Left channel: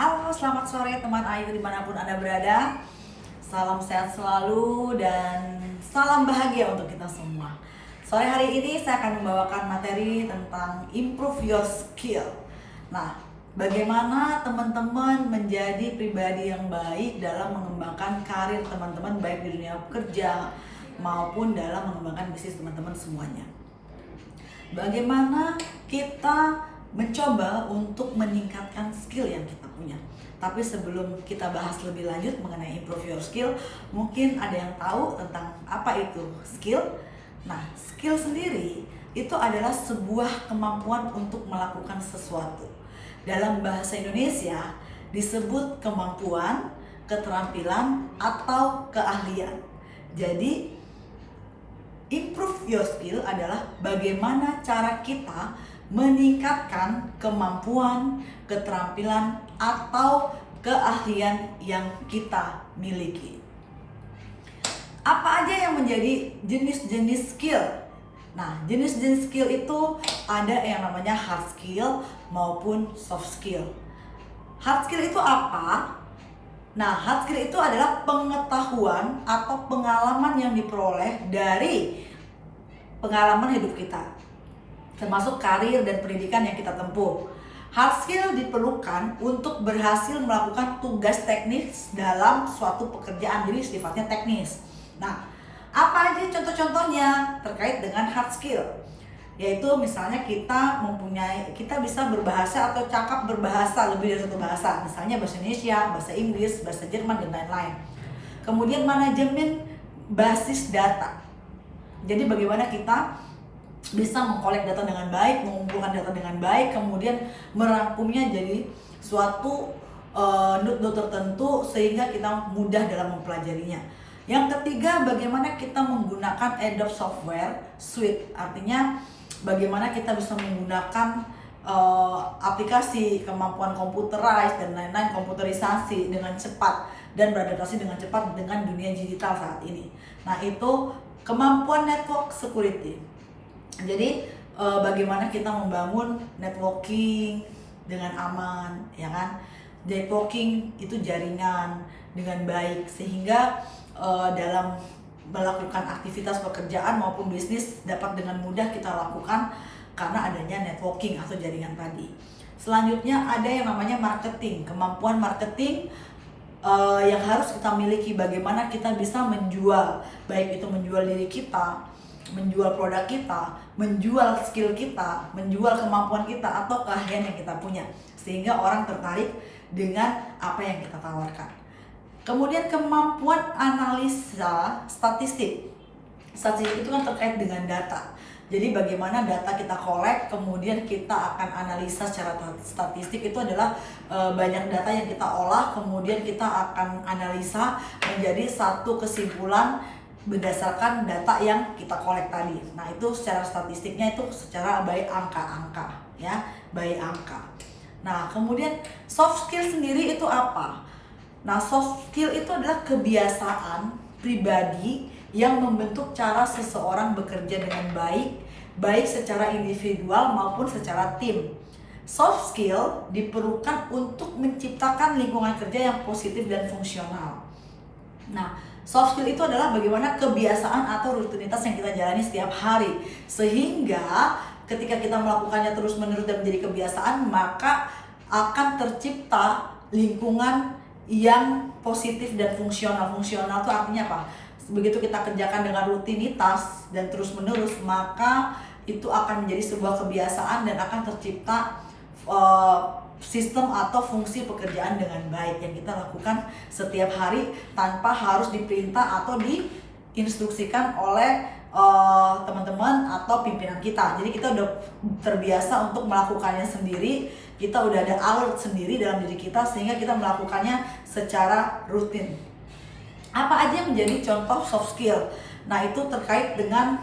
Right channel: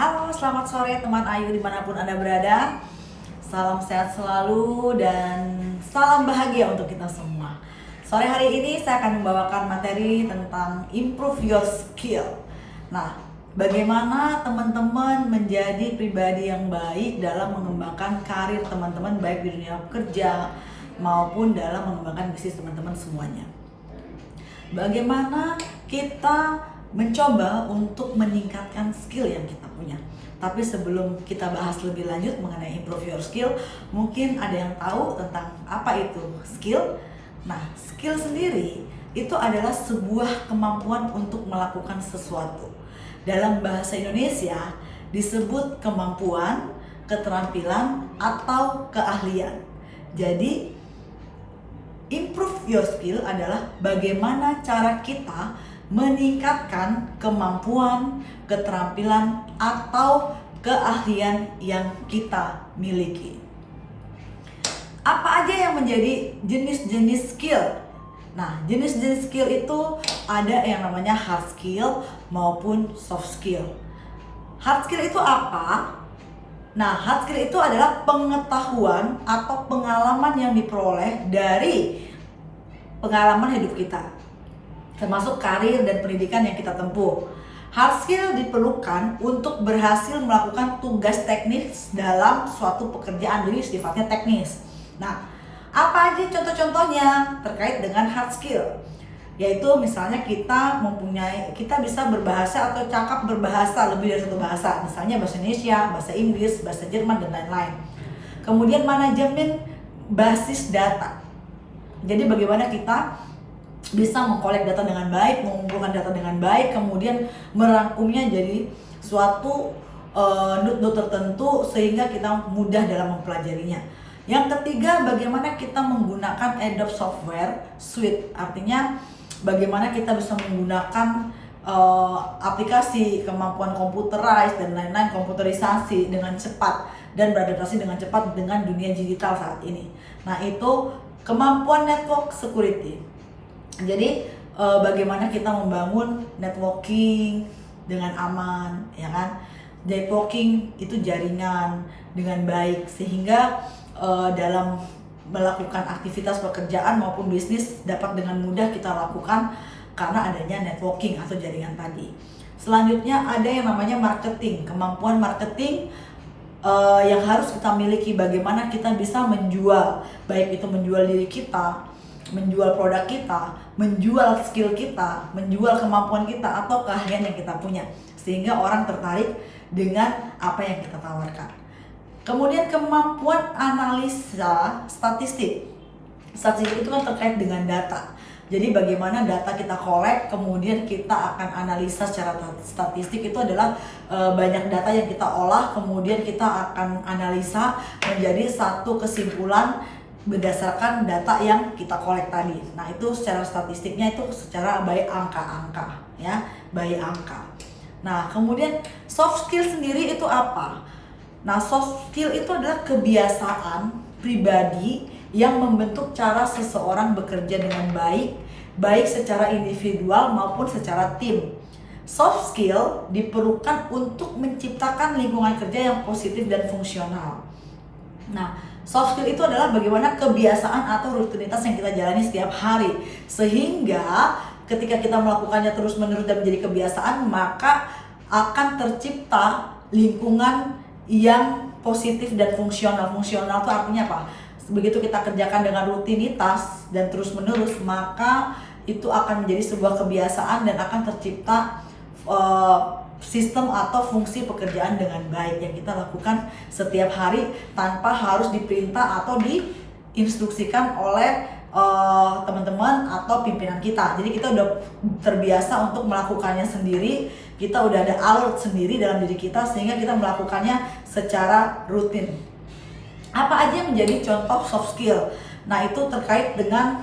Halo, selamat sore teman Ayu dimanapun Anda berada. Salam sehat selalu dan salam bahagia untuk kita semua. Sore hari ini saya akan membawakan materi tentang improve your skill. Nah, bagaimana teman-teman menjadi pribadi yang baik dalam mengembangkan karir teman-teman baik di dunia kerja maupun dalam mengembangkan bisnis teman-teman semuanya. Bagaimana kita mencoba untuk meningkatkan skill yang kita punya. Tapi sebelum kita bahas lebih lanjut mengenai improve your skill, mungkin ada yang tahu tentang apa itu skill. Nah, skill sendiri itu adalah sebuah kemampuan untuk melakukan sesuatu. Dalam bahasa Indonesia disebut kemampuan, keterampilan, atau keahlian. Jadi improve your skill adalah bagaimana cara kita meningkatkan kemampuan, keterampilan, atau keahlian yang kita miliki. Apa aja yang menjadi jenis-jenis skill? Nah, jenis-jenis skill itu ada yang namanya hard skill maupun soft skill. Hard skill itu apa? Nah, hard skill itu adalah pengetahuan atau pengalaman yang diperoleh dari pengalaman hidup kita, termasuk karir dan pendidikan yang kita tempuh. Hard skill diperlukan untuk berhasil melakukan tugas teknis dalam suatu pekerjaan, jadi sifatnya teknis. Nah, apa aja contoh-contohnya terkait dengan hard skill? Yaitu misalnya kita bisa berbahasa atau cakap berbahasa lebih dari satu bahasa, misalnya bahasa Indonesia, bahasa Inggris, bahasa Jerman, dan lain-lain. Kemudian manajemen basis data. Jadi bagaimana kita bisa mengkolek data dengan baik, mengumpulkan data dengan baik, kemudian merangkumnya jadi suatu node tertentu sehingga kita mudah dalam mempelajarinya. Yang ketiga, bagaimana kita menggunakan Adobe Software Suite, artinya bagaimana kita bisa menggunakan aplikasi, kemampuan computerized dan lain-lain, komputerisasi dengan cepat dan beradaptasi dengan cepat dengan dunia digital saat ini. Nah, itu kemampuan network security. Jadi bagaimana kita membangun networking dengan aman, ya kan? Networking itu jaringan dengan baik sehingga dalam melakukan aktivitas pekerjaan maupun bisnis dapat dengan mudah kita lakukan karena adanya networking atau jaringan tadi. Selanjutnya ada yang namanya marketing, kemampuan marketing yang harus kita miliki, bagaimana kita bisa menjual, baik itu menjual diri kita, menjual produk kita, menjual skill kita, menjual kemampuan kita atau keahlian yang kita punya, sehingga orang tertarik dengan apa yang kita tawarkan. Kemudian kemampuan analisa statistik. Statistik itu kan terkait dengan data. Jadi bagaimana data kita kolek, kemudian kita akan analisa secara statistik. Itu adalah banyak data yang kita olah, kemudian kita akan analisa menjadi satu kesimpulan berdasarkan data yang kita kolek tadi. Nah, itu secara statistiknya itu secara by angka-angka, ya, by angka. Nah, kemudian soft skill sendiri itu apa? Nah, soft skill itu adalah kebiasaan pribadi yang membentuk cara seseorang bekerja dengan baik, baik secara individual maupun secara tim. Soft skill diperlukan untuk menciptakan lingkungan kerja yang positif dan fungsional. Nah, soft skill itu adalah bagaimana kebiasaan atau rutinitas yang kita jalani setiap hari, sehingga ketika kita melakukannya terus-menerus dan menjadi kebiasaan, maka akan tercipta lingkungan yang positif dan fungsional. Fungsional itu artinya apa? Begitu kita kerjakan dengan rutinitas dan terus-menerus, maka itu akan menjadi sebuah kebiasaan dan akan tercipta sistem atau fungsi pekerjaan dengan baik yang kita lakukan setiap hari tanpa harus diperintah atau diinstruksikan oleh teman-teman atau pimpinan kita. Jadi kita udah terbiasa untuk melakukannya sendiri, kita udah ada alert sendiri dalam diri kita sehingga kita melakukannya secara rutin. Apa aja yang menjadi contoh soft skill? Nah, itu terkait dengan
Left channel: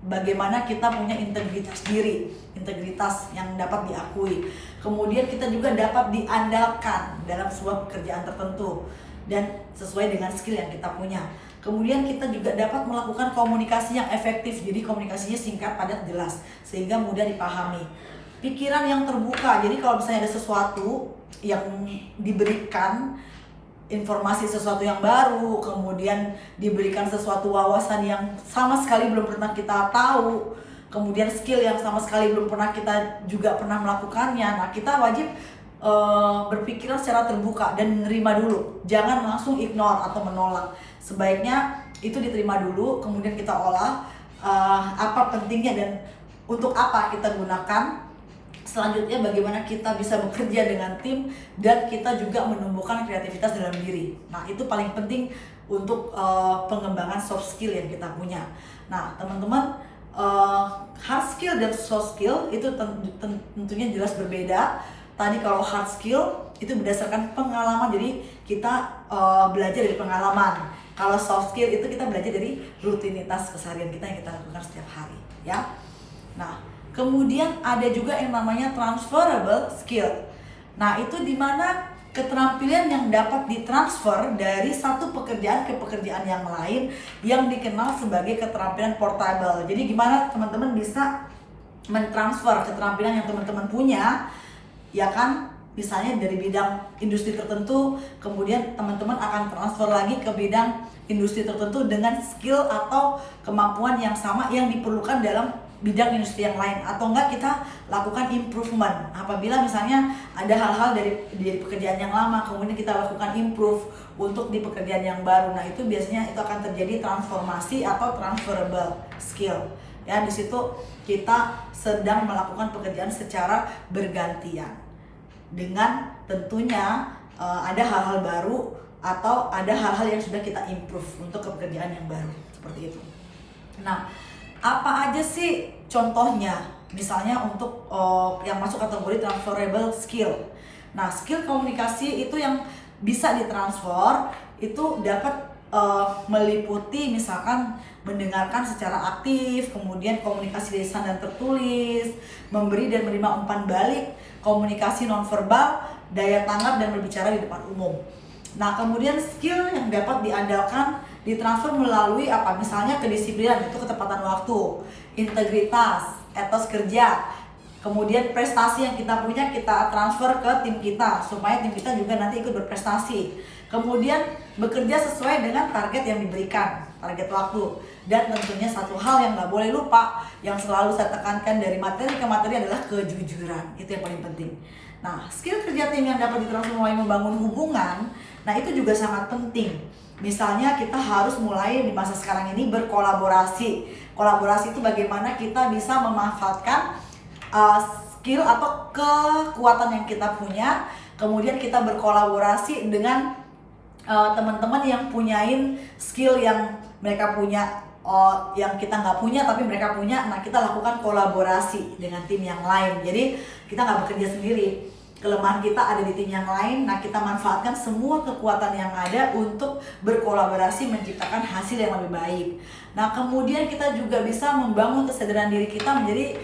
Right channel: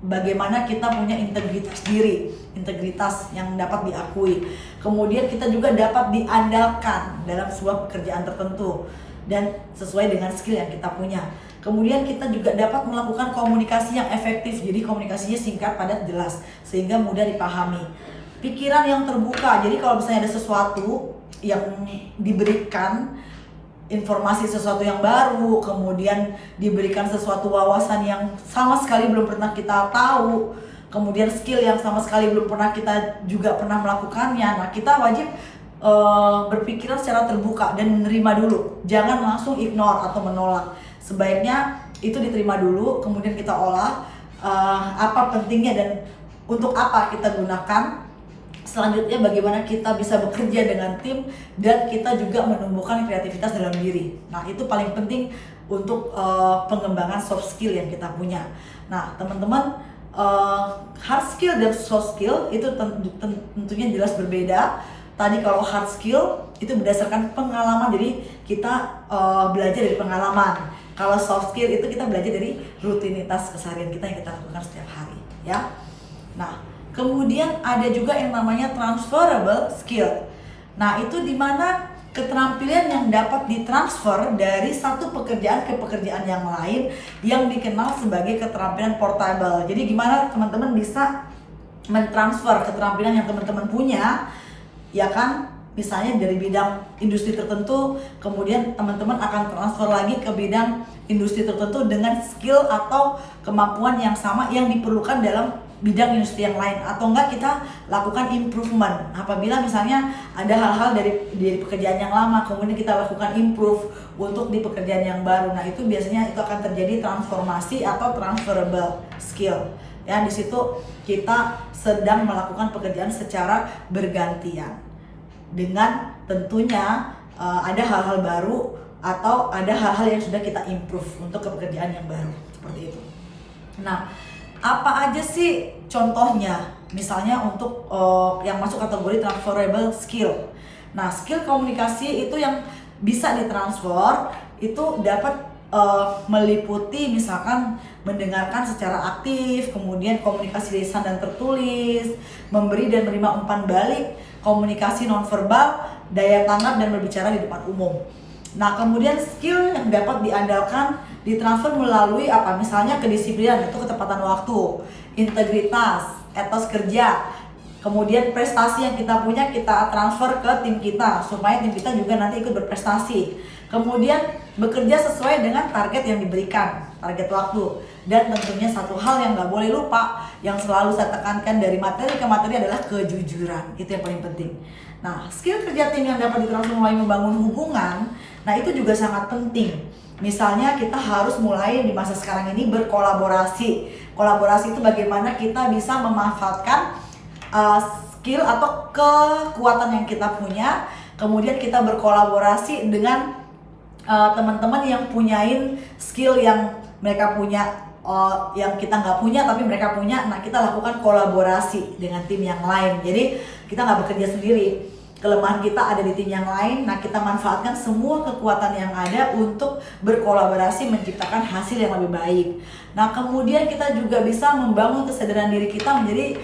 bagaimana kita punya integritas diri, integritas yang dapat diakui. Kemudian kita juga dapat diandalkan dalam sebuah pekerjaan tertentu dan sesuai dengan skill yang kita punya. Kemudian kita juga dapat melakukan komunikasi yang efektif, jadi komunikasinya singkat, padat, jelas, sehingga mudah dipahami. pikiran yang terbuka. Jadi kalau misalnya ada sesuatu yang diberikan, informasi sesuatu yang baru, kemudian diberikan sesuatu wawasan yang sama sekali belum pernah kita tahu, kemudian skill yang sama sekali belum pernah kita juga pernah melakukannya. Nah, kita wajib berpikiran secara terbuka dan menerima dulu. Jangan langsung ignore atau menolak. Sebaiknya itu diterima dulu, kemudian kita olah apa pentingnya dan untuk apa kita gunakan. Selanjutnya bagaimana kita bisa bekerja dengan tim dan kita juga menumbuhkan kreativitas dalam diri. Nah, itu paling penting untuk pengembangan soft skill yang kita punya. Nah, teman-teman, hard skill dan soft skill itu tentunya jelas berbeda. Tadi kalau hard skill itu berdasarkan pengalaman, jadi kita belajar dari pengalaman. Kalau soft skill itu kita belajar dari rutinitas keseharian kita yang kita lakukan setiap hari, ya. Nah, kemudian ada juga yang namanya transferable skill. Nah, itu dimana keterampilan yang dapat ditransfer dari satu pekerjaan ke pekerjaan yang lain yang dikenal sebagai keterampilan portable. Jadi gimana teman-teman bisa mentransfer keterampilan yang teman-teman punya, ya kan? Misalnya dari bidang industri tertentu, kemudian teman-teman akan transfer lagi ke bidang industri tertentu dengan skill atau kemampuan yang sama yang diperlukan dalam bidang industri yang lain. Atau enggak kita lakukan improvement apabila misalnya ada hal-hal dari pekerjaan yang lama, kemudian kita lakukan improve untuk di pekerjaan yang baru. Nah, itu biasanya itu akan terjadi transformasi atau transferable skill. Ya, di situ kita sedang melakukan pekerjaan secara bergantian. Dengan tentunya ada hal-hal baru atau ada hal-hal yang sudah kita improve untuk ke pekerjaan yang baru, seperti itu. Nah, apa aja sih contohnya? Misalnya untuk yang masuk kategori transferable skill. Nah, skill komunikasi itu yang bisa ditransfer itu dapat meliputi misalkan mendengarkan secara aktif, kemudian komunikasi lisan dan tertulis, memberi dan menerima umpan balik, komunikasi nonverbal, daya tanggap dan berbicara di depan umum. Nah, kemudian skill yang dapat diandalkan ditransfer melalui apa? Misalnya kedisiplinan, itu ketepatan waktu, integritas, etos kerja, kemudian prestasi yang kita punya kita transfer ke tim kita supaya tim kita juga nanti ikut berprestasi. Kemudian bekerja sesuai dengan target yang diberikan, target waktu. Dan tentunya satu hal yang gak boleh lupa, yang selalu saya tekankan dari materi ke materi adalah kejujuran. Itu yang paling penting. Nah, skill kerja tim yang dapat ditransfer mulai membangun hubungan, nah itu juga sangat penting. Misalnya kita harus mulai di masa sekarang ini berkolaborasi. Kolaborasi itu bagaimana kita bisa memanfaatkan skill atau kekuatan yang kita punya, kemudian kita berkolaborasi dengan teman-teman yang punyain skill yang mereka punya, yang kita nggak punya tapi mereka punya. Nah, kita lakukan kolaborasi dengan tim yang lain. Jadi kita nggak bekerja sendiri, kelemahan kita ada di tim yang lain. Nah, kita manfaatkan semua kekuatan yang ada untuk berkolaborasi menciptakan hasil yang lebih baik. Nah, kemudian kita juga bisa membangun kesadaran diri kita menjadi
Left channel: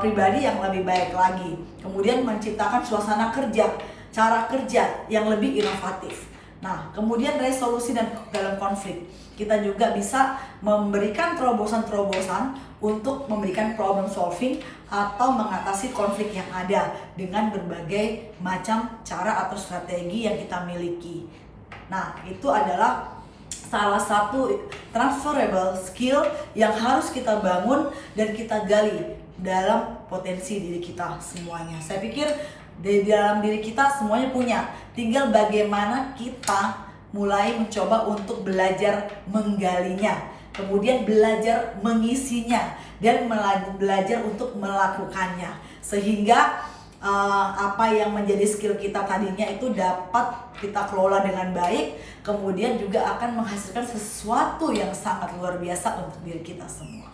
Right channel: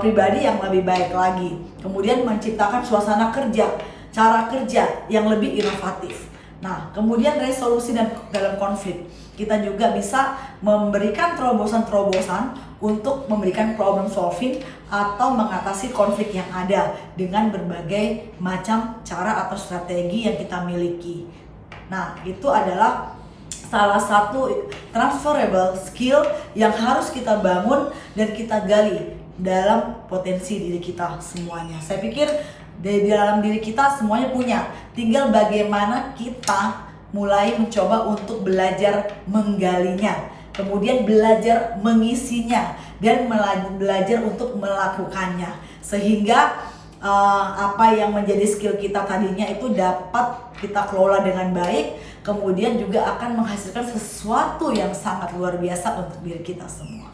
pribadi yang lebih baik lagi. Kemudian menciptakan suasana kerja, cara kerja yang lebih inovatif. Nah, kemudian resolusi dan dalam konflik. Kita juga bisa memberikan terobosan-terobosan untuk memberikan problem solving atau mengatasi konflik yang ada dengan berbagai macam cara atau strategi yang kita miliki. Nah, itu adalah salah satu transferable skill yang harus kita bangun dan kita gali dalam potensi diri kita semuanya. Saya pikir di dalam diri kita semuanya punya, tinggal bagaimana kita mulai mencoba untuk belajar menggalinya, kemudian belajar mengisinya, dan belajar untuk melakukannya, sehingga apa yang menjadi skill kita tadinya itu dapat kita kelola dengan baik, kemudian juga akan menghasilkan sesuatu yang sangat luar biasa untuk diri kita semua.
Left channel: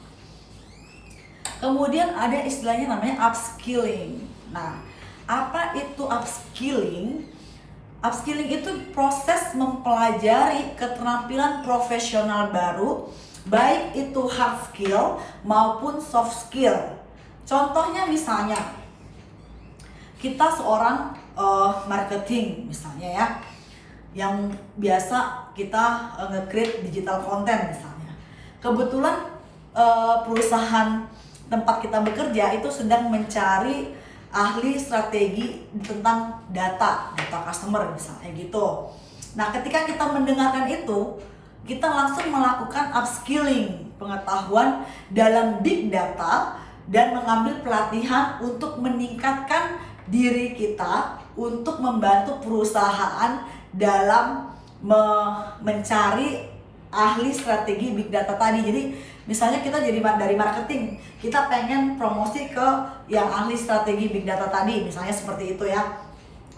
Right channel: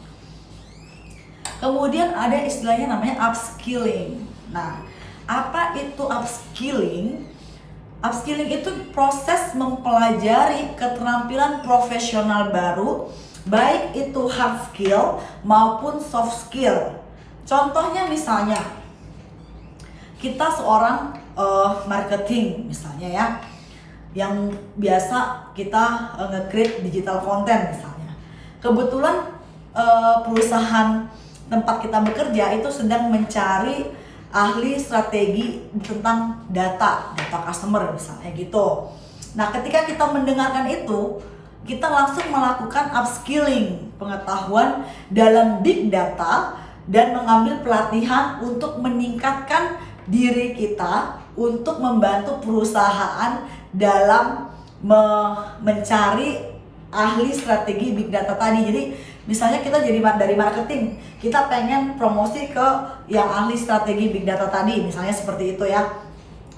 Kemudian ada istilahnya namanya upskilling. Nah, apa itu upskilling? Upskilling itu proses mempelajari keterampilan profesional baru, baik itu hard skill maupun soft skill. Contohnya misalnya, kita seorang marketing misalnya ya, yang biasa kita nge-create digital content misalnya. Kebetulan perusahaan tempat kita bekerja itu sedang mencari ahli strategi tentang data customer misalnya gitu. Nah, ketika kita mendengarkan itu, kita langsung melakukan upskilling pengetahuan dalam big data dan mengambil pelatihan untuk meningkatkan diri kita untuk membantu perusahaan dalam mencari ahli strategi big data tadi. Jadi misalnya kita jadi dari marketing, kita pengen promosi ke yang ahli strategi big data tadi, misalnya seperti itu ya.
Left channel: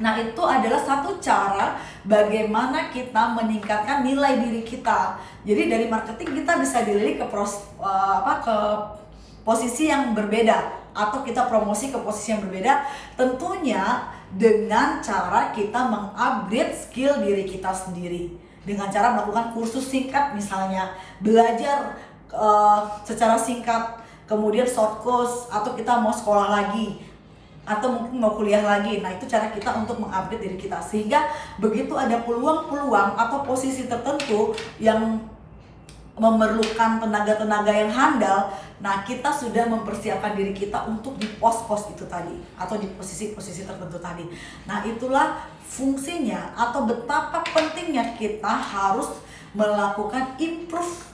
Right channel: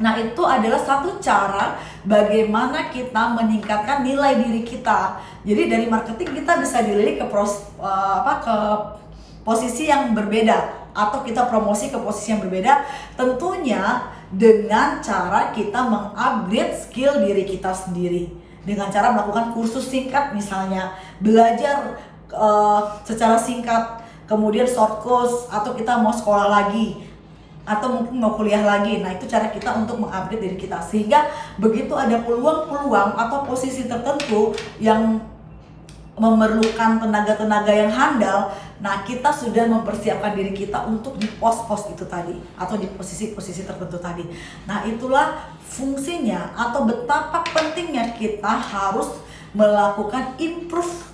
Nah, itu adalah satu cara bagaimana kita meningkatkan nilai diri kita. Jadi dari marketing kita bisa dilirik ke ke posisi yang berbeda, atau kita promosi ke posisi yang berbeda, tentunya dengan cara kita mengupgrade skill diri kita sendiri. Dengan cara melakukan kursus singkat, misalnya belajar secara singkat, kemudian short course, atau kita mau sekolah lagi, atau mungkin mau kuliah lagi. Nah, itu cara kita untuk mengupgrade diri kita, sehingga begitu ada peluang-peluang atau posisi tertentu yang memerlukan tenaga-tenaga yang handal, nah kita sudah mempersiapkan diri kita untuk di pos-pos itu tadi, atau di posisi-posisi tertentu tadi. Nah, itulah fungsinya atau betapa pentingnya kita harus melakukan improve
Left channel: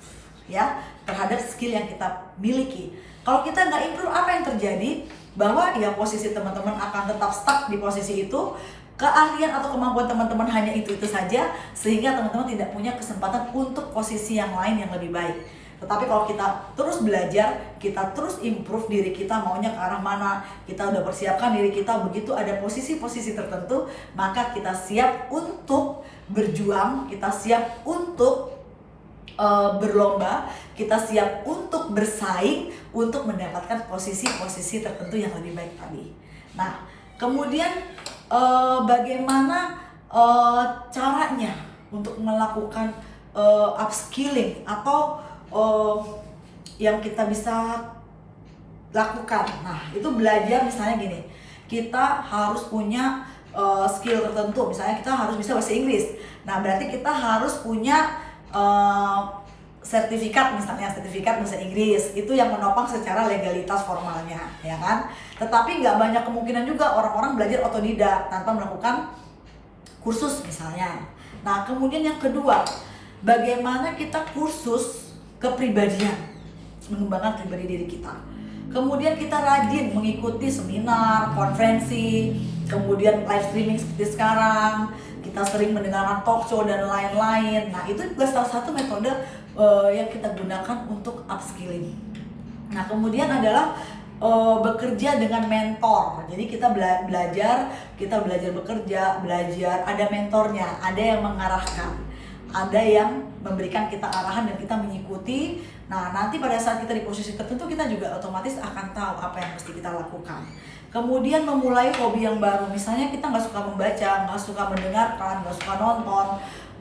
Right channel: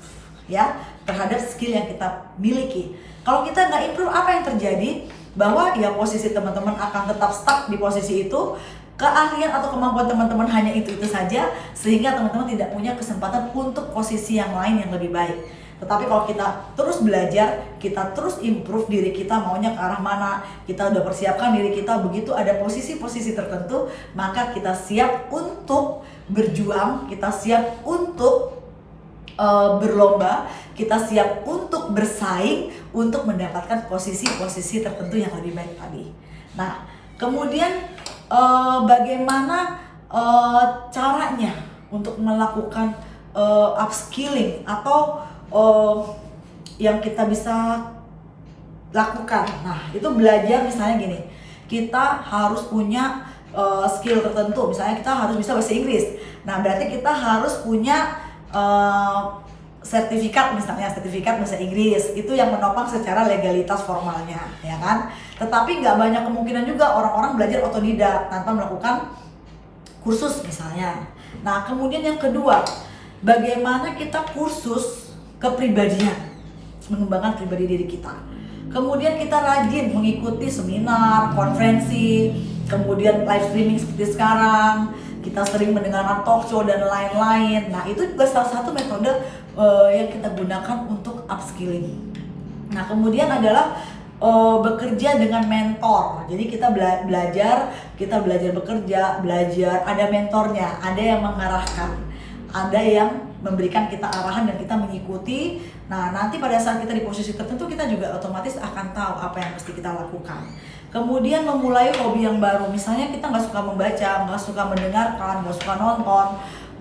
ya terhadap skill yang kita miliki. Kalau kita nggak improve, apa yang terjadi? Bahwa ya posisi teman-teman akan tetap stuck di posisi itu, keahlian atau kemampuan teman-teman hanya itu saja, sehingga teman-teman tidak punya kesempatan untuk posisi yang lain yang lebih baik. Tetapi kalau kita terus belajar, kita terus improve diri kita, maunya ke arah mana, kita udah persiapkan diri kita, begitu ada posisi-posisi tertentu, maka kita siap untuk berjuang, kita siap untuk berlomba, kita siap untuk bersaing untuk mendapatkan posisi-posisi tertentu yang lebih baik tadi. Nah, kemudian bagaimana caranya untuk melakukan upskilling atau yang kita bisa lakukan. Nah, itu belajar misalnya gini, kita harus punya skill tertentu, misalnya kita harus bisa bahasa Inggris. Nah, berarti kita harus punya sertifikat, misalnya sertifikat bahasa Inggris, itu yang menopang secara legalitas formalnya, ya kan? Tetapi nggak banyak kemungkinan juga orang-orang belajar otodidak tanpa melakukan kursus misalnya. Nah, kemudian yang kedua, bagaimana kita kursus kepribadian, mengembangkan pribadi diri kita. Kemudian kita rajin mengikuti seminar, konferensi, kemudian live streaming seperti sekarang, kita sering mendengarkan talk show dan lain-lain. Nah, itu juga salah satu metode yang kita gunakan untuk upskilling. Nah, kemudian adalah bekerja dengan mentor. Jadi kita belajar bekerja, belajar ada mentornya, ada yang mengarahkan, ada yang memberikan kita arahan dan kita mengikuti. Nah, nanti pada saat kita di posisi tertentu, kita juga otomatis akan tahu apa yang mesti kita lakukan. Kemudian memulai hobi yang baru, misalnya kita nggak suka membaca, nggak suka mendengarkan, nggak suka nonton.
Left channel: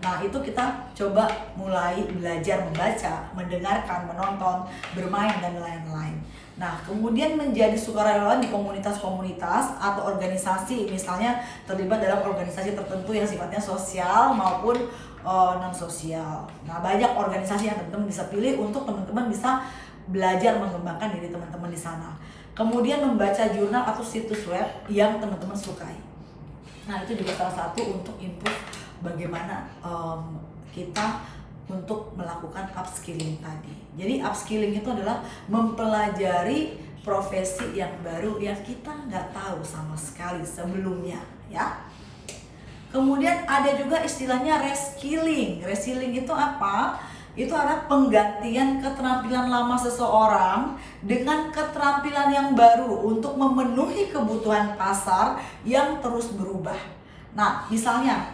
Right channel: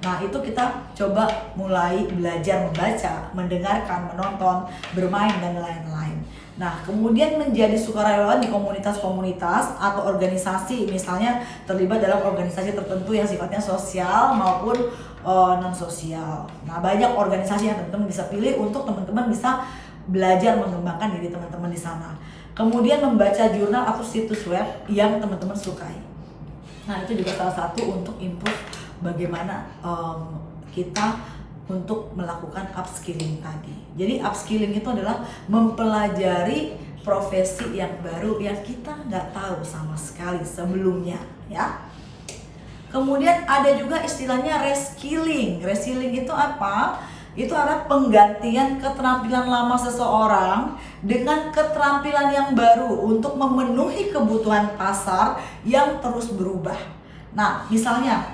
Nah, itu kita coba mulai belajar membaca, mendengarkan, menonton, bermain, dan lain-lain. Nah, kemudian menjadi sukarelawan di komunitas-komunitas atau organisasi, misalnya terlibat dalam organisasi tertentu yang sifatnya sosial maupun non-sosial. Nah, banyak organisasi yang teman-teman bisa pilih untuk teman-teman bisa belajar mengembangkan diri teman-teman di sana. Kemudian membaca jurnal atau situs web yang teman-teman sukai. Nah, itu juga salah satu untuk improve bagaimana kita untuk melakukan upskilling tadi. Jadi upskilling itu adalah mempelajari profesi yang baru yang kita nggak tahu sama sekali sebelumnya, ya. Kemudian ada juga istilahnya reskilling. Reskilling itu apa? Itu adalah penggantian keterampilan lama seseorang dengan keterampilan yang baru untuk memenuhi kebutuhan pasar yang terus berubah. Nah, misalnya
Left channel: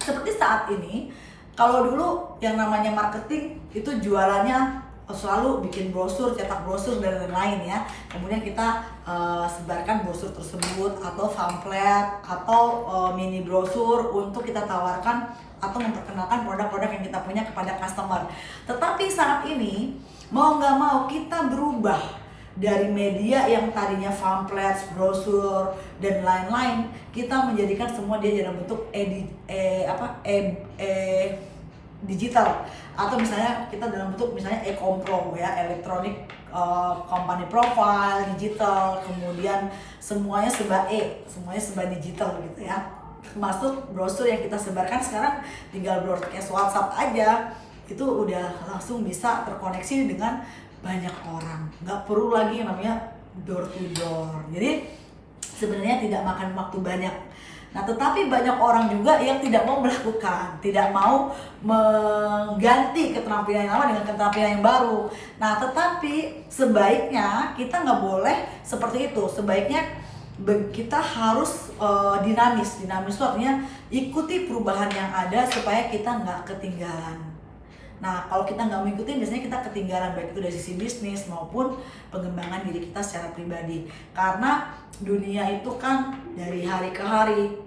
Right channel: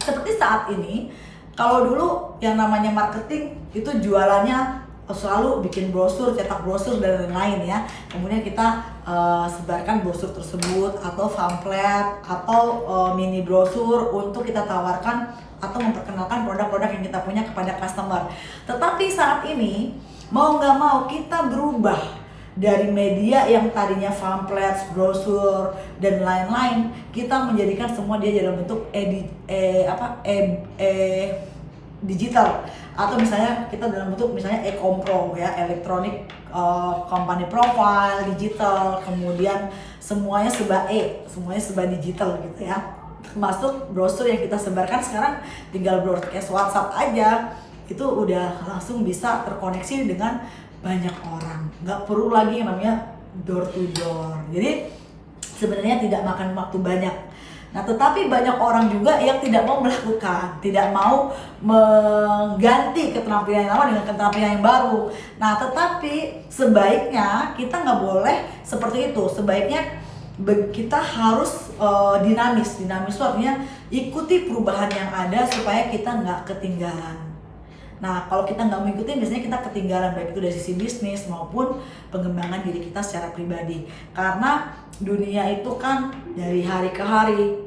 seperti saat ini, kalau dulu yang namanya marketing itu jualannya selalu bikin brosur, cetak brosur dan lain-lain ya. Kemudian kita sebarkan brosur tersebut atau pamflet atau mini brosur untuk kita tawarkan atau memperkenalkan produk-produk yang kita punya kepada customer. Tetapi saat ini mau nggak mau kita berubah dari media yang tadinya pamflet, brosur dan lain-lain, kita menjadikan semua dia dalam bentuk digital, atau misalnya kita dalam bentuk misalnya e-compro ya, electronic company profile digital, kemudian semuanya semuanya serba digital gitu ya. Termasuk brosur yang kita sebarkan sekarang tinggal broadcast WhatsApp aja, itu udah langsung bisa terkoneksi dengan banyak orang, nggak perlu lagi yang namanya door to door. Jadi sebenarnya tidak makan waktu banyak. Nah, tetapi banyak orang juga yang tidak mau melakukan, tidak mau mengganti keterampilan yang lama dengan keterampilan yang baru. Nah, tetapi sebaiknya kita nggak boleh seperti itu. Sebaiknya kita harus dinamis. Dinamis itu artinya ikuti perubahan yang ada supaya kita nggak ketinggalan. Nah, kalau kita nggak mengikuti, biasanya kita ketinggalan, baik itu dari sisi bisnis maupun pengembangan diri kita secara pribadi. Karena dunia itu kan dari hari ke hari,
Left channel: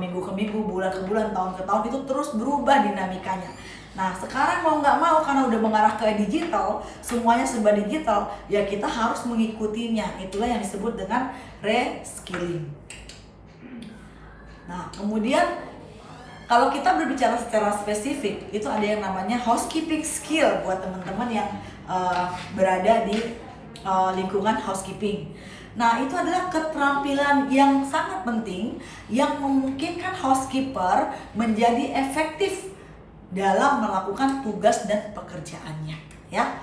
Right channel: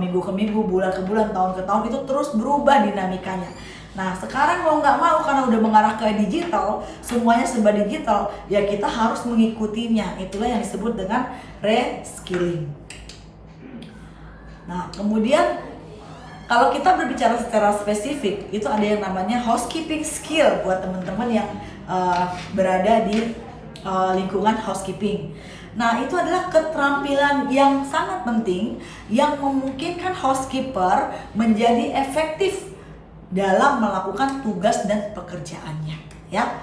minggu ke minggu, bulan ke bulan, tahun ke tahun, itu terus berubah dinamikanya. Nah, sekarang mau nggak mau karena udah mengarah ke digital, semuanya serba digital, ya kita harus mengikutinya. Itulah yang disebut dengan reskilling. Nah, kemudian kalau kita berbicara secara spesifik, itu ada yang namanya housekeeping skill buat teman-teman yang berada di lingkungan housekeeping. Nah, itu adalah keterampilan yang sangat penting yang memungkinkan housekeeper menjadi efektif dalam melakukan tugas dan pekerjaannya, ya.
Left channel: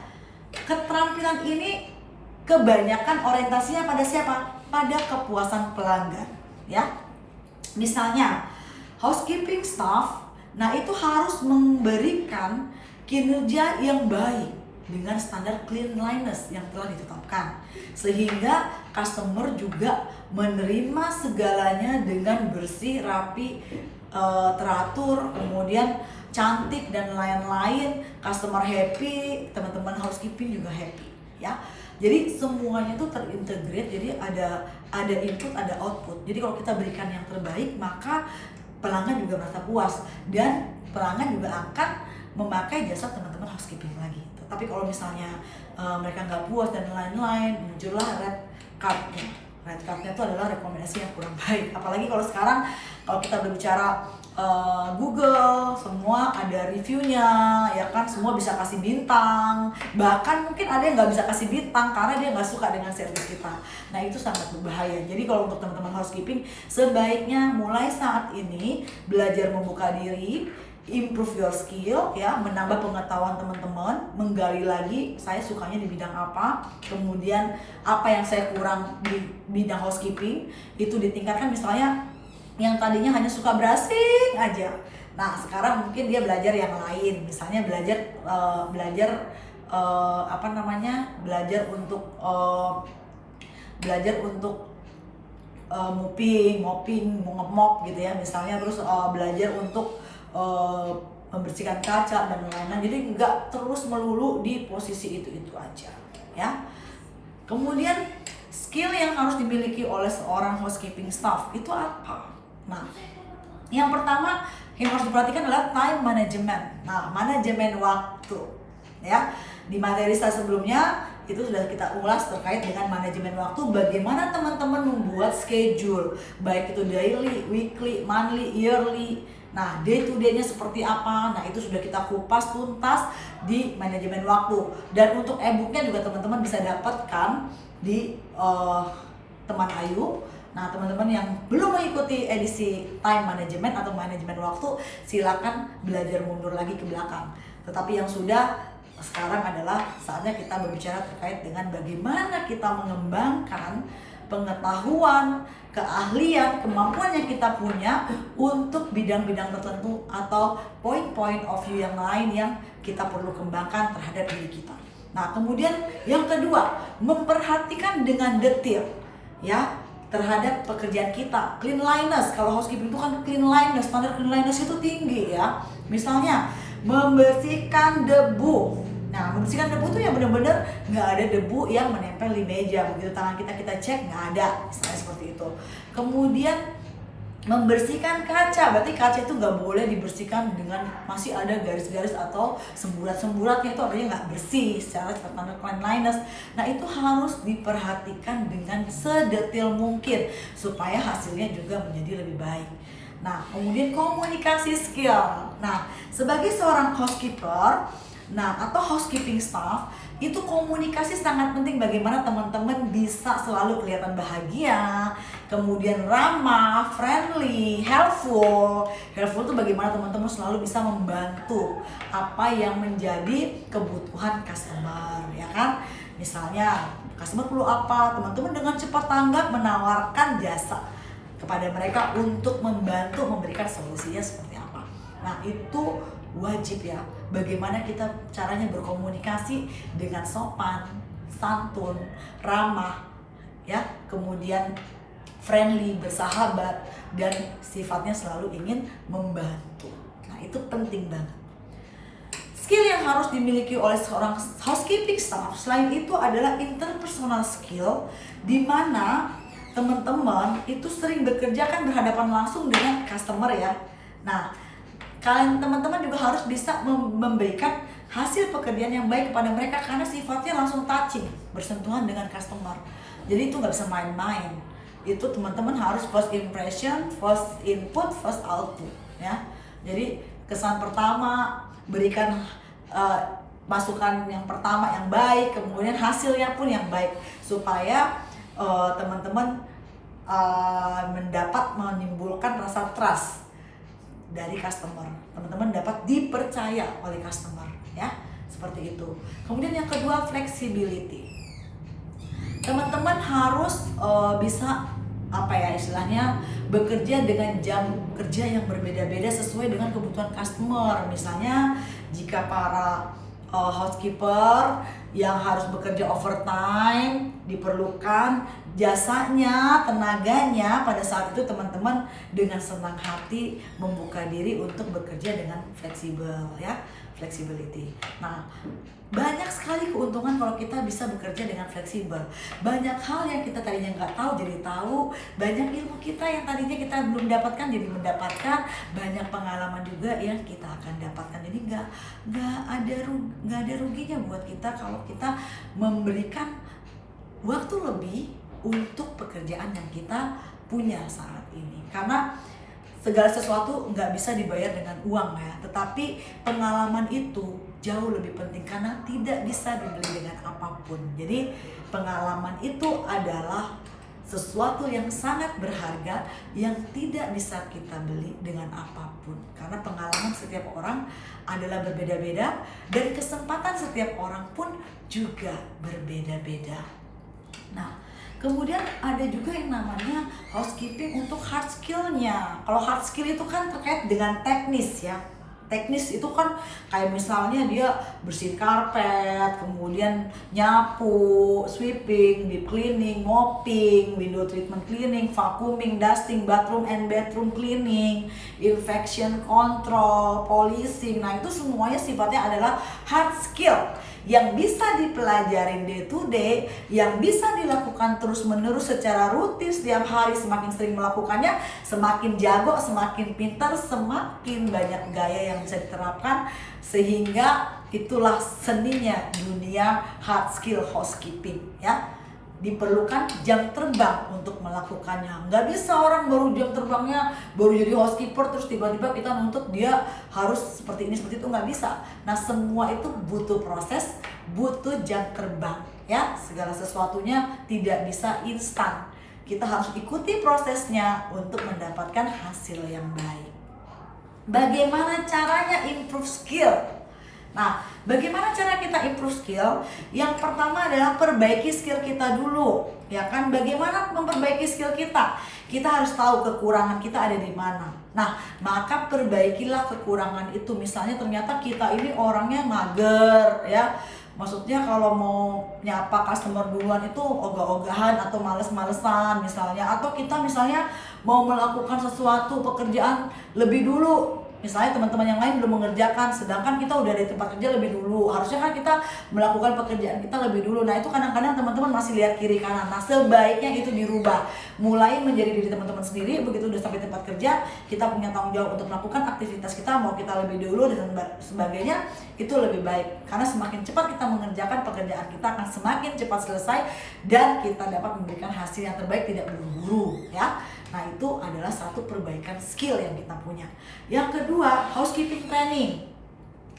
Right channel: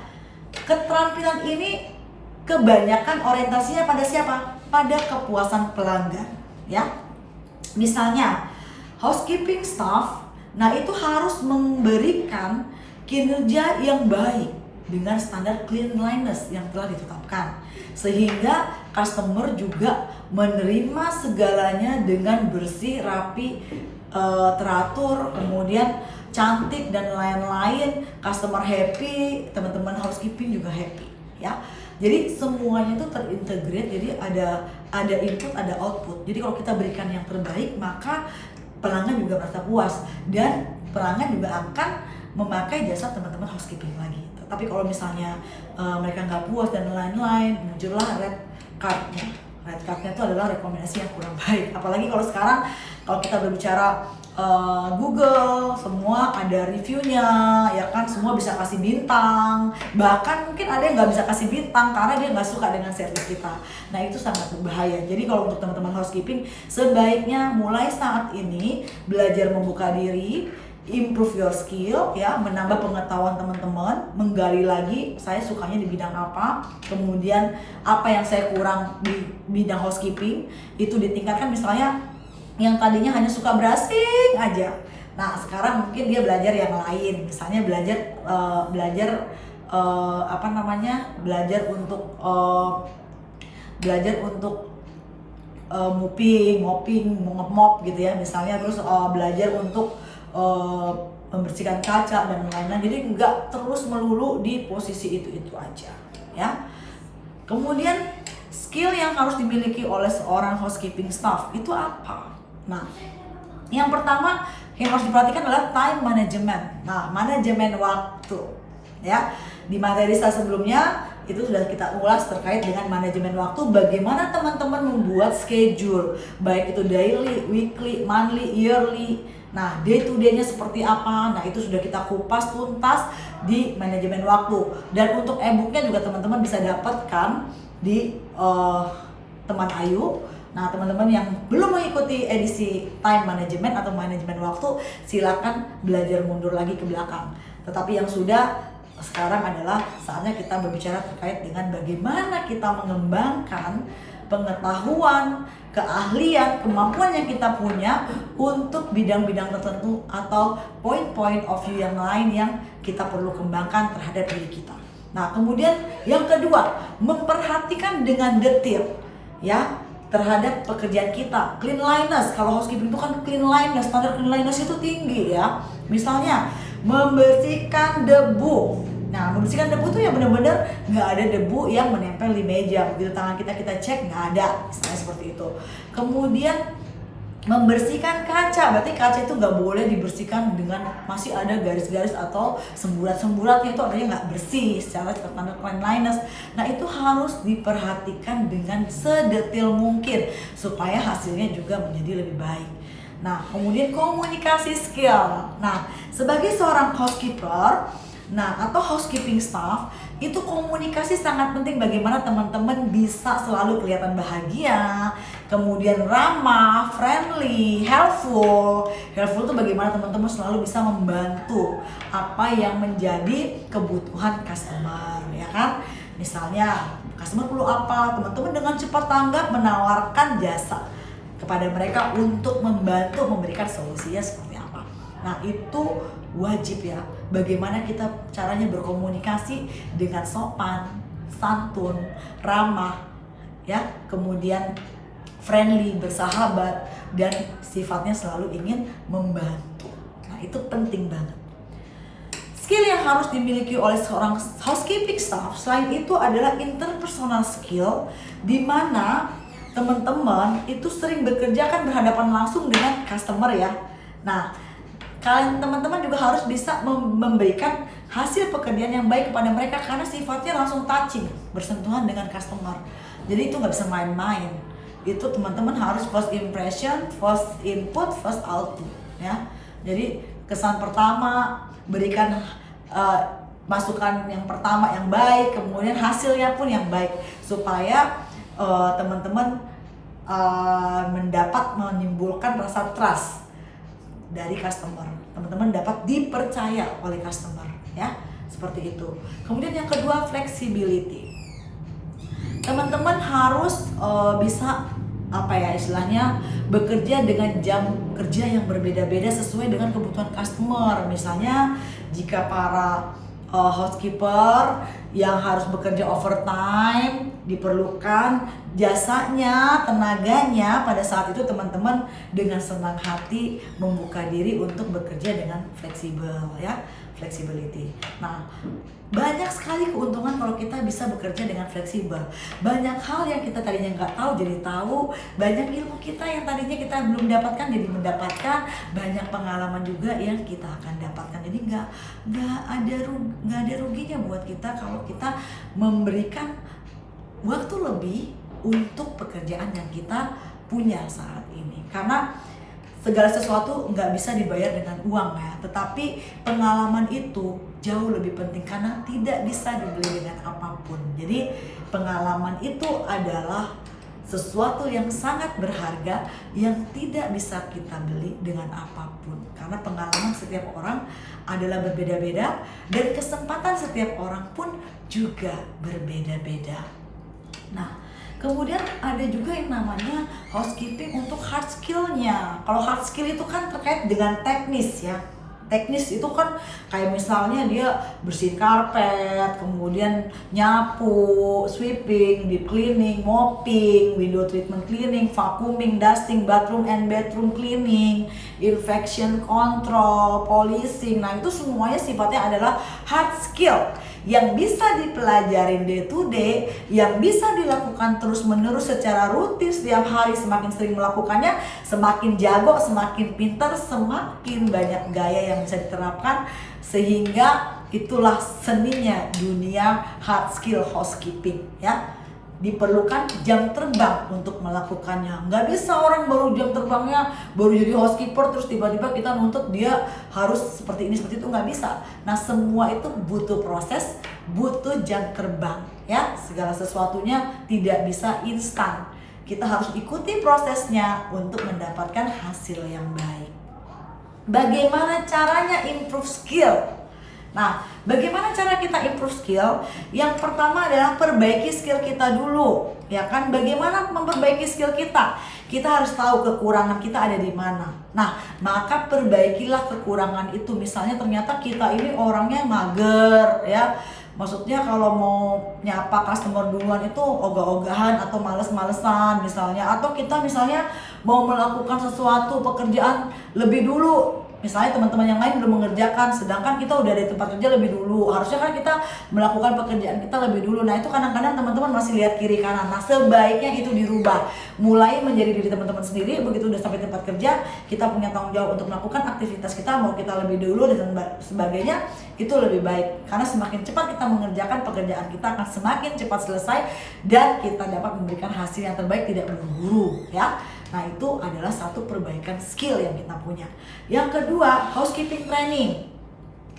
Keterampilan ini kebanyakan orientasinya pada siapa? Pada kepuasan pelanggan, ya. Misalnya housekeeping staff, nah itu harus memberikan kinerja yang baik dengan standar cleanliness yang telah ditetapkan, sehingga customer juga menerima segalanya dengan bersih, rapi, teratur, kemudian cantik dan lain-lain. Customer happy, teman-teman housekeeping juga happy, ya. Jadi semuanya itu terintegrate, jadi ada input, ada output. Jadi kalau kita berikan yang terbaik, maka pelanggan juga merasa puas dan pelanggan juga akan memakai jasa teman-teman housekeeping lagi. Tapi kalau misalnya mereka nggak puas dan lain-lain, muncullah red cardnya. Red cardnya itu adalah rekomendasi yang kurang baik. Apalagi kalau sekarang kalau kita berbicara Google, semua ada reviewnya, ya kan, semua bisa kasih bintang. Bahkan mungkin ada yang nggak bisa kasih bintang karena dia nggak suka dengan servis kita. Nah, itu sangat berbahaya. Jadi kalau untuk teman-teman housekeeping, sebaiknya mulai saat ini belajar membuka diri, improve your skill, ya, menambah pengetahuan teman-teman, menggali lagi saya sukanya di bidang apa, kemudian apa yang saya kurang di bidang housekeeping, itu ditingkatkan. Misalnya yang tadinya hanya suka brushing aja, nah sekarang mungkin dia belajar yang lain, misalnya belajar mopping, mop gitu ya, misalnya, terus belajar untuk membersihkan kaca dan lain-lain. Jadi nggak terus melulu di posisi itu aja, ya. Kemudian skill yang harus dimiliki oleh seorang housekeeping staff itu apa? Nah, yang pertama yang harus diperhatikan adalah time management. Nah, manajemen waktu, ya. Di materi saya sebelumnya itu sudah kita ulas terkait dengan manajemen waktu, bagaimana teman-teman membuat schedule, baik itu daily, weekly, monthly, yearly. Nah, day to day-nya seperti apa? Nah, itu sudah kita kupas tuntas di manajemen waktu. Dan untuk e-booknya juga teman-teman bisa dapatkan di Teman Ayu. Nah, teman-teman yang belum mengikuti edisi time management atau manajemen waktu, silakan belajar mundur lagi ke belakang. Tetapi yang sudah, sekarang adalah saatnya kita berbicara terkait dengan bagaimana kita mengembangkan pengetahuan, keahlian, kemampuan yang kita punya untuk bidang-bidang tertentu atau point of view yang lain yang kita perlu kembangkan terhadap diri kita. Nah, kemudian yang kedua, memperhatikan dengan detail, ya, terhadap pekerjaan kita. Cleanliness, kalau housekeeping itu kan cleanliness, standar cleanliness itu tinggi, ya. Misalnya membersihkan debu. Nah, membersihkan debu itu yang benar-benar nggak ada debu yang menempel di meja. Begitu tangan kita cek, nggak ada, misalnya seperti itu. Kemudian membersihkan kaca, berarti kaca itu nggak boleh dibersihkan dengan masih ada garis-garis atau semburat-semburatnya, itu artinya nggak bersih secara standar cleanliness. Nah, itu harus diperhatikan dengan sedetail mungkin supaya hasilnya juga menjadi lebih baik. Nah, kemudian komunikasi skill. Nah, sebagai seorang housekeeper, atau housekeeping staff, itu komunikasi sangat penting bagaimana teman-teman bisa selalu kelihatan bahagia, kemudian ramah, friendly, helpful. Helpful itu bagaimana teman-teman selalu bisa membantu apa yang menjadi kebutuhan customer, ya kan? Misalnya, customer perlu apa, teman-teman dengan cepat tanggap menawarkan jasa kepada mereka untuk membantu memberikan solusinya seperti apa. Nah, itu wajib ya, bagaimana kita caranya berkomunikasi dengan sopan, santun, ramah, ya, kemudian friendly, bersahabat, dan sifatnya selalu ingin membantu. Nah, itu penting banget. Skill yang harus dimiliki oleh seorang housekeeping staff selain itu adalah interpersonal skill, di mana teman-teman itu sering bekerja kan berhadapan langsung dengan customer ya. Nah, kalian teman-teman juga harus bisa memberikan hasil pekerjaan yang baik kepada mereka karena sifatnya langsung touching, bersentuhan dengan customer. Jadi itu nggak bisa main-main. Itu teman-teman harus first impression, first input, first output ya. Jadi kesan pertama, berikan masukan yang pertama yang baik, kemudian hasilnya pun yang baik supaya teman-teman mendapat menimbulkan rasa trust dari customer. Teman-teman dapat dipercaya oleh customer ya, seperti itu. Kemudian yang kedua, flexibility. Teman-teman harus bisa istilahnya bekerja dengan jam kerja yang berbeda-beda sesuai dengan kebutuhan customer. Misalnya jika para housekeeper yang harus bekerja overtime diperlukan jasanya, tenaganya, pada saat itu teman-teman dengan senang hati membuka diri untuk bekerja dengan fleksibel ya, flexibility. Nah, banyak sekali keuntungan kalau kita bisa bekerja dengan fleksibel. Banyak hal yang kita tadinya nggak tahu jadi tahu, banyak ilmu kita yang tadinya kita belum dapatkan jadi mendapatkan, banyak pengalaman juga yang kita akan dapatkan. Jadi nggak ada ruginya buat kita kalau kita memberikan waktu lebih untuk pekerjaan yang kita punya saat ini. Karena segala sesuatu nggak bisa dibayar dengan uang ya, tetapi pengalaman itu jauh lebih penting karena tidak bisa dibeli dengan apapun. Jadi pengalaman itu adalah sesuatu yang sangat berharga yang tidak bisa kita beli dengan apapun. Karena pengalaman setiap orang adalah berbeda-beda dan kesempatan setiap orang pun juga berbeda-beda. Nah, kemudian ada juga yang namanya housekeeping untuk hard skill-nya. Kalau hard skill itu kan terkait dengan teknis ya. Teknis itu kan kayak misalnya dia bersihin karpet, kemudian nyapu, sweeping, deep cleaning, mopping, window treatment cleaning, vacuuming, dusting, bathroom and bedroom cleaning, infection control, polishing. Nah, itu semuanya sifatnya adalah hard skill yang bisa dipelajarin day to day, yang bisa dilakukan terus menerus secara rutin setiap hari. Semakin sering melakukannya, semakin jago, semakin pintar, semakin banyak gaya yang bisa diterapkan, sehingga itulah seninya dunia hard skill housekeeping ya. Diperlukan jam terbang untuk melakukannya. Nggak bisa orang baru jam terbangnya baru jadi housekeeper terus tiba-tiba kita nuntut dia harus seperti ini seperti itu, nggak bisa. Nah, semua itu butuh proses, butuh jam terbang ya. Segala sesuatunya tidak bisa instan. Kita harus ikuti prosesnya untuk mendapatkan hasil yang baik. Bagaimana caranya improve skill? Nah, bagaimana cara kita improve skill? Yang pertama adalah perbaiki skill kita dulu, ya kan? Bagaimana memperbaiki skill kita? Kita harus tahu kekurangan kita ada di mana. Nah, maka perbaikilah kekurangan itu. Misalnya ternyata kita ini orangnya mager, ya. Maksudnya kalau mau nyapa customer duluan itu ogah-ogahan atau males-malesan misalnya. Atau kita misalnya mau melakukan sesuatu pekerjaan lebih dulu. Misalnya teman-teman yang lain belum mengerjakan, sedangkan kita udah di tempat kerja lebih dulu. Harusnya kan kita melakukan pekerjaan kita lebih dulu. Nah, itu kadang-kadang teman-teman masih lihat kiri kanan. Nah, sebaiknya itu dirubah. Mulai menjadi diri teman-teman sendiri. Begitu udah sampai tempat kerja, kita punya tanggung jawab untuk melakukan aktivitas kita. Mau kita lebih dulu dan sebagainya, itu lebih baik. Karena semakin cepat kita mengerjakan pekerjaan kita akan semakin cepat selesai dan kita dapat memberikan hasil yang terbaik, tidak buru-buru ya. Nah, itu adalah satu perbaikan skill yang kita punya. Yang kedua, housekeeping training.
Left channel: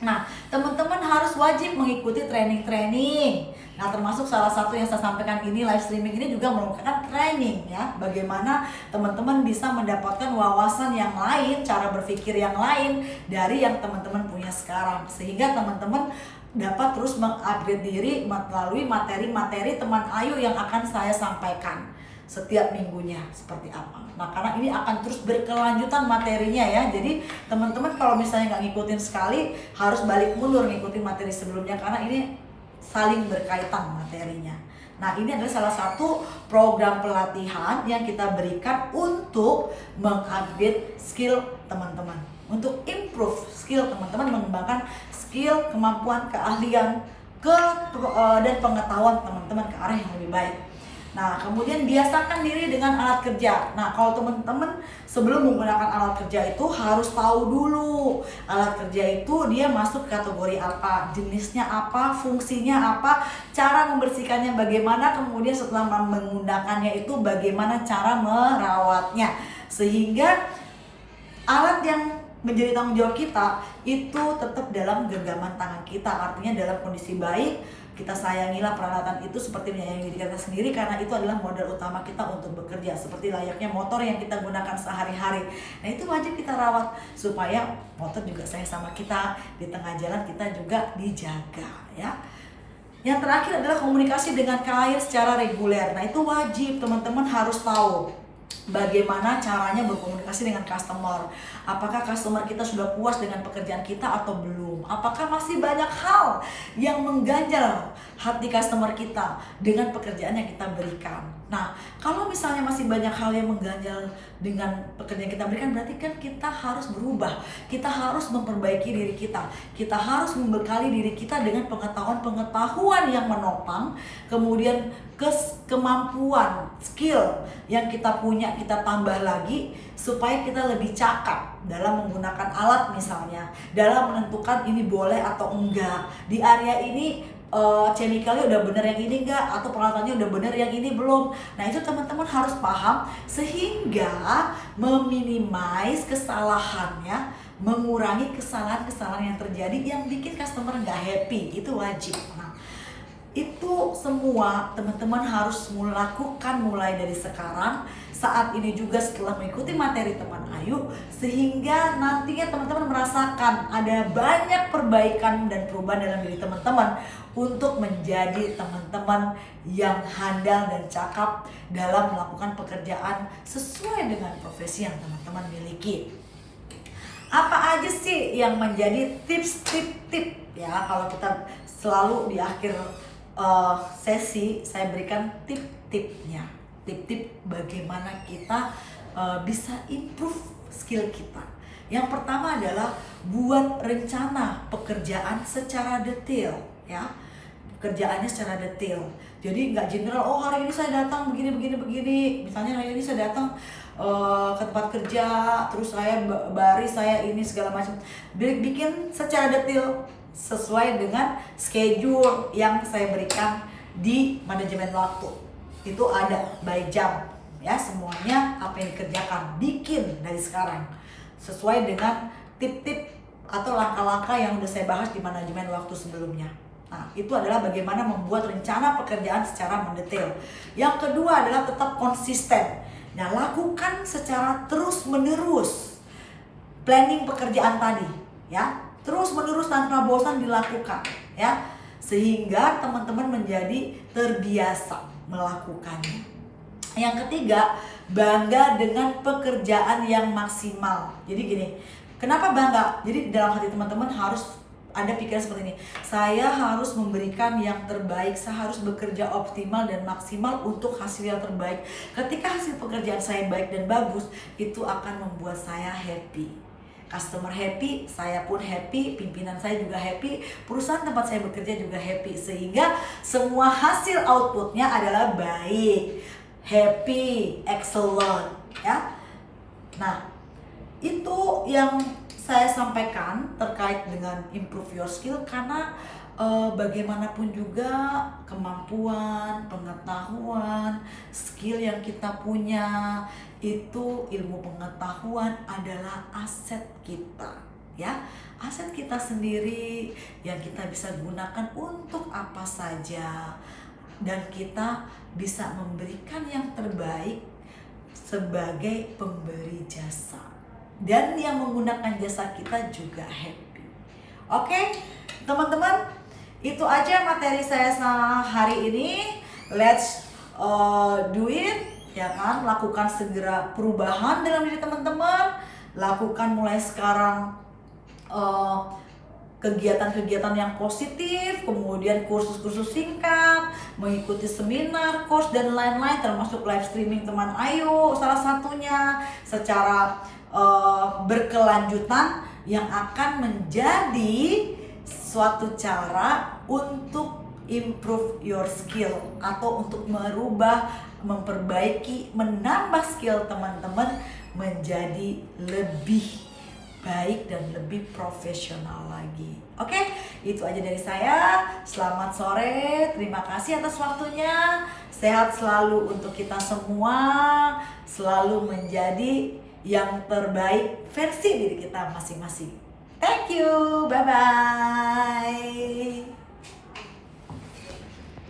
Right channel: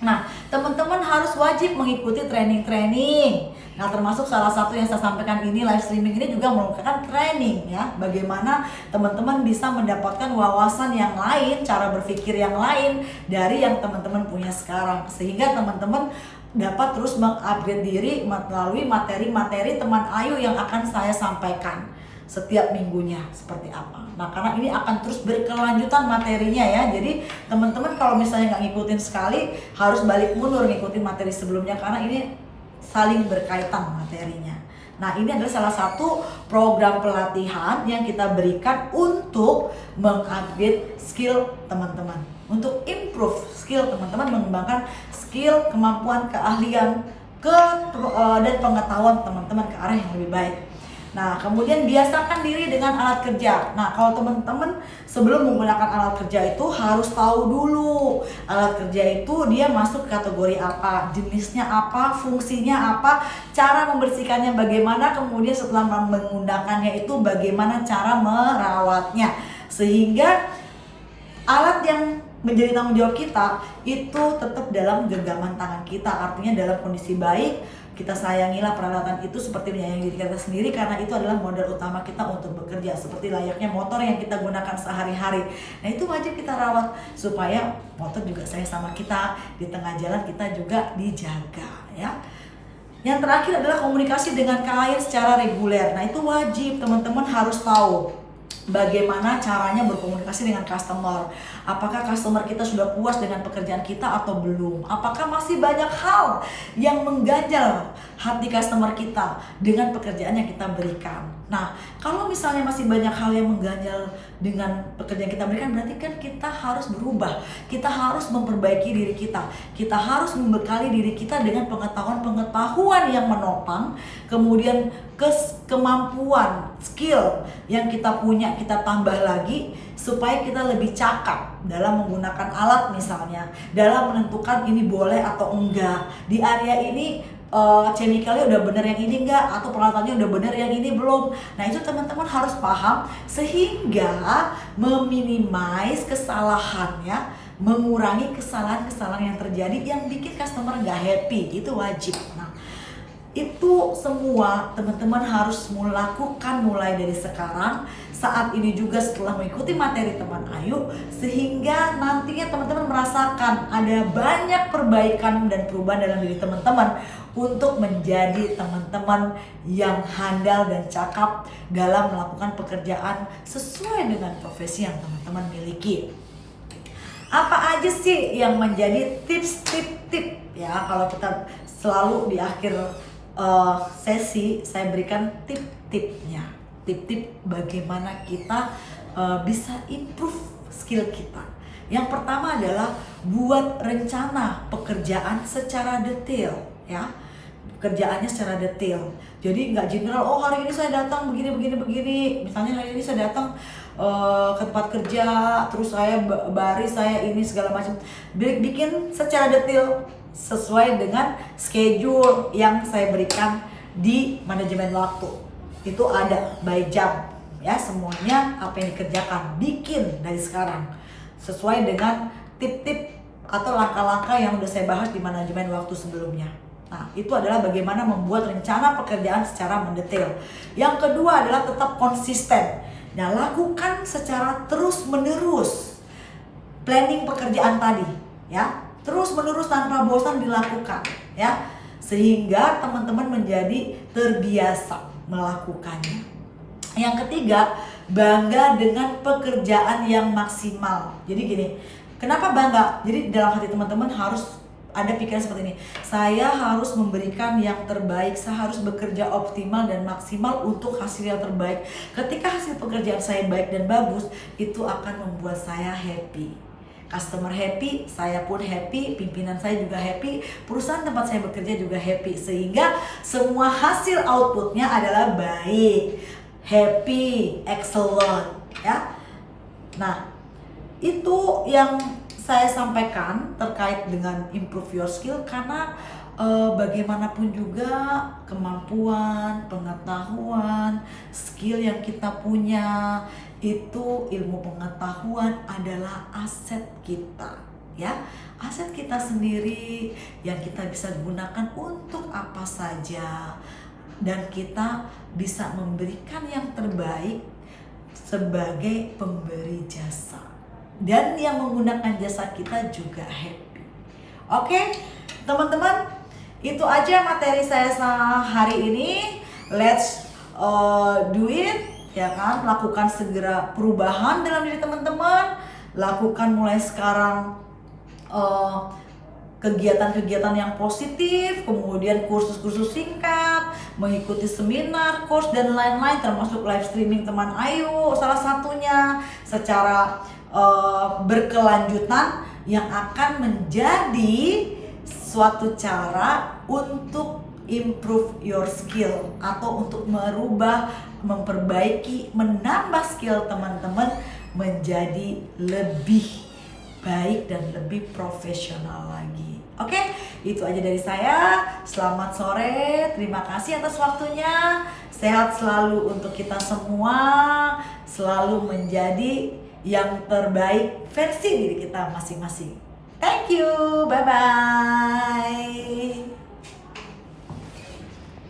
Nah, teman-teman harus wajib mengikuti training-training. Nah, termasuk salah satu yang saya sampaikan ini, live streaming ini juga merupakan training ya. Bagaimana teman-teman bisa mendapatkan wawasan yang lain, cara berpikir yang lain dari yang teman-teman punya sekarang. Sehingga teman-teman dapat terus mengupgrade diri melalui materi-materi teman Ayu yang akan saya sampaikan setiap minggunya seperti apa. Nah, karena ini akan terus berkelanjutan materinya ya. Jadi teman-teman kalau misalnya nggak ngikutin sekali, harus balik mundur ngikutin materi sebelumnya karena ini saling berkaitan materinya. Nah, ini adalah salah satu program pelatihan yang kita berikan untuk mengupgrade skill teman-teman, untuk improve skill teman-teman, mengembangkan skill, kemampuan, keahlian dan pengetahuan teman-teman ke arah yang lebih baik. Nah, kemudian biasakan diri dengan alat kerja. Nah, kalau teman-teman sebelum menggunakan alat kerja itu harus tahu dulu alat kerja itu dia masuk kategori apa, jenisnya apa, fungsinya apa, cara membersihkannya bagaimana, kemudian setelah menggunakannya itu bagaimana cara merawatnya. Sehingga alat yang menjadi tanggung jawab kita itu tetap dalam genggaman tangan kita, artinya dalam kondisi baik. Kita sayangilah peralatan itu seperti menyayangi diri kita sendiri, karena itu adalah modal utama kita untuk bekerja, seperti layaknya motor yang kita gunakan sehari-hari. Nah, itu wajib kita rawat supaya motor juga sayang sama kita, di tengah jalan kita juga dijaga ya. Yang terakhir adalah komunikasi dengan klien secara reguler. Nah, itu wajib teman-teman harus tahu bagaimana caranya berkomunikasi dengan customer. Apakah customer kita sudah puas dengan pekerjaan kita atau belum? Apakah masih banyak hal yang mengganjal hati customer kita dengan pekerjaan yang kita berikan? Nah, kalau misalnya masih banyak hal yang mengganjal dengan pekerjaan yang kita berikan, berarti kan kita harus berubah. Kita harus memperbaiki diri kita. Kita harus membekali diri kita dengan pengetahuan-pengetahuan yang menopang, kemudian kemampuan, skill yang kita punya kita tambah lagi supaya kita lebih cakap dalam menggunakan alat, misalnya dalam menentukan ini boleh atau enggak, di area ini chemicalnya udah bener yang ini enggak, atau peralatannya udah bener yang ini belum. Nah, itu teman-teman harus paham sehingga meminimais kesalahan ya, mengurangi kesalahan-kesalahan yang terjadi yang bikin customer nggak happy. Itu wajib. Nah, itu semua teman-teman harus melakukan mulai dari sekarang, saat ini juga setelah mengikuti materi teman Ayu, sehingga nantinya teman-teman merasakan ada banyak perbaikan dan perubahan dalam diri teman-teman untuk menjadi teman-teman yang handal dan cakap dalam melakukan pekerjaan sesuai dengan profesi yang teman-teman miliki. Apa aja sih yang menjadi tips-tip ya, kalau kita selalu di akhir sesi saya berikan tip-tipnya, tip-tip bagaimana kita bisa improve skill kita. Yang pertama adalah buat rencana pekerjaan secara detail ya, pekerjaannya secara detail. Jadi nggak general, oh hari ini saya datang begini. Misalnya hari ini saya datang ke tempat kerja, terus saya baris, saya ini segala macam. Bikin secara detail sesuai dengan schedule yang saya berikan di manajemen waktu. Itu ada by jam ya, semuanya apa yang dikerjakan, bikin dari sekarang sesuai dengan tip-tip atau langkah-langkah yang udah saya bahas di manajemen waktu sebelumnya. Nah, itu adalah bagaimana membuat rencana pekerjaan secara mendetail. Yang kedua adalah tetap konsisten. Nah, lakukan secara terus-menerus planning pekerjaan tadi ya, terus-menerus tanpa bosan dilakukan ya, sehingga teman-teman menjadi terbiasa melakukannya. Yang ketiga, bangga dengan pekerjaan yang maksimal. Jadi gini, kenapa bangga? Jadi dalam hati teman-teman harus ada pikiran seperti ini, saya harus memberikan yang terbaik, saya harus bekerja optimal dan maksimal untuk hasil yang terbaik. Ketika hasil pekerjaan saya baik dan bagus, itu akan membuat saya happy. Customer happy, saya pun happy, pimpinan saya juga happy, perusahaan tempat saya bekerja juga happy, sehingga semua hasil outputnya adalah baik, happy, excellent ya. Nah, itu yang saya sampaikan terkait dengan improve your skill, karena bagaimanapun juga kemampuan, pengetahuan, skill yang kita punya itu, ilmu pengetahuan adalah aset kita, ya. Aset kita sendiri yang kita bisa gunakan untuk apa saja, dan kita bisa memberikan yang terbaik sebagai pemberi jasa, dan yang menggunakan jasa kita juga happy. Oke, teman-teman, itu aja materi saya hari ini. Let's do it, ya kan? Lakukan segera perubahan dalam diri teman-teman. Lakukan mulai sekarang kegiatan-kegiatan yang positif, kemudian kursus-kursus singkat, mengikuti seminar, course, dan lain-lain, termasuk live streaming teman Ayu salah satunya, secara berkelanjutan, yang akan menjadi suatu cara untuk improve your skill, atau untuk merubah, memperbaiki, menambah skill teman-teman menjadi lebih baik dan lebih profesional lagi. Oke, itu aja dari saya. Selamat sore, terima kasih atas waktunya. Sehat selalu untuk kita semua, selalu menjadi yang terbaik versi diri kita masing-masing. Thank you, bye-bye.